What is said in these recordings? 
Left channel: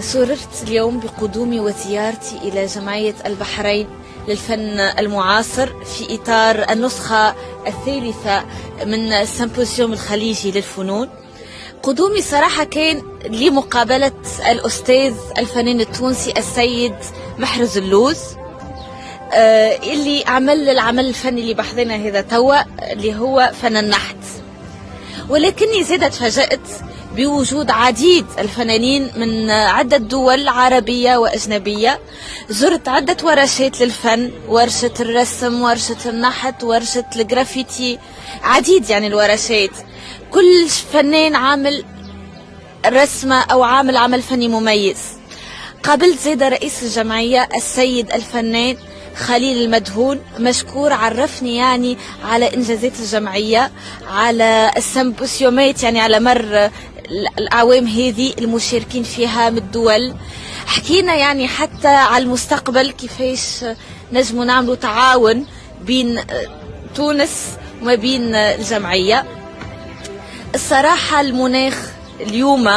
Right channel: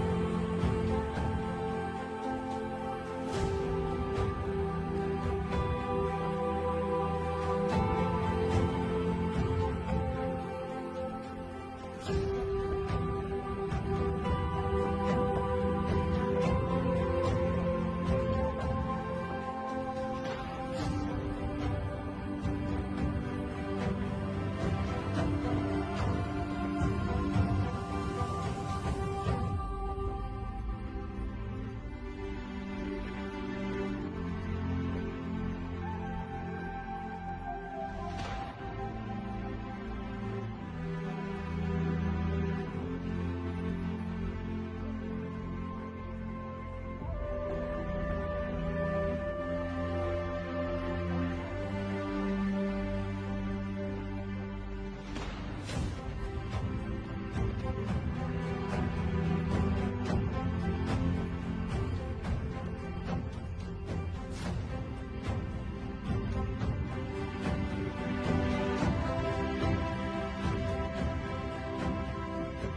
سررت اليوم بقدومي وزيارتي إلى جمعية البحرين للفن المعاصر في إطار النسخة الثالثة من السيمبوزيوم الخليجي للفنون. قدومي صراحة كان لمقابلة الأستاذ الفنان التونسي السيد محرز اللوز، اللي عمل العمل الفني اللي بحضنا هذا توا اللي هو فن النحت. ولكني زادت تفاجأت بوجود عديد الفنانين من عدة دول عربية وأجنبية. زرت عدة ورشات للفن، ورشة الرسم، ورشة النحت، ورشة الجرافيتي، عديد يعني الورشات. كل فنان عامل رسمة أو عامل عمل فني مميز. قابلت زيد رئيس الجمعية السيد الفنان خليل المدهون، مشكور، عرفني يعني على إنجازات الجمعية، على السيمبوسيومات يعني على مر الأعوام هذه المشاركين فيها من الدول. حكينا يعني حتى على المستقبل كيفاش نجموا نعملوا تعاون بين تونس وما بين الجمعية. الصراحة المناخ اليوم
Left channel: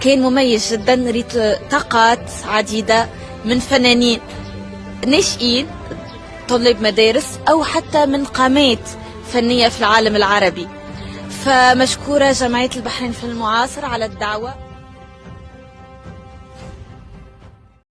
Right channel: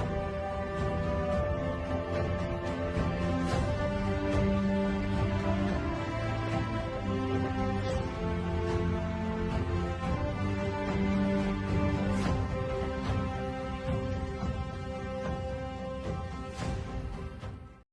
كان مميز جدا. ريت طاقات عديدة من فنانين ناشئين، طلاب مدارس أو حتى من قامات فنية في العالم العربي. فمشكورة جمعية البحرين في المعاصر على الدعوة.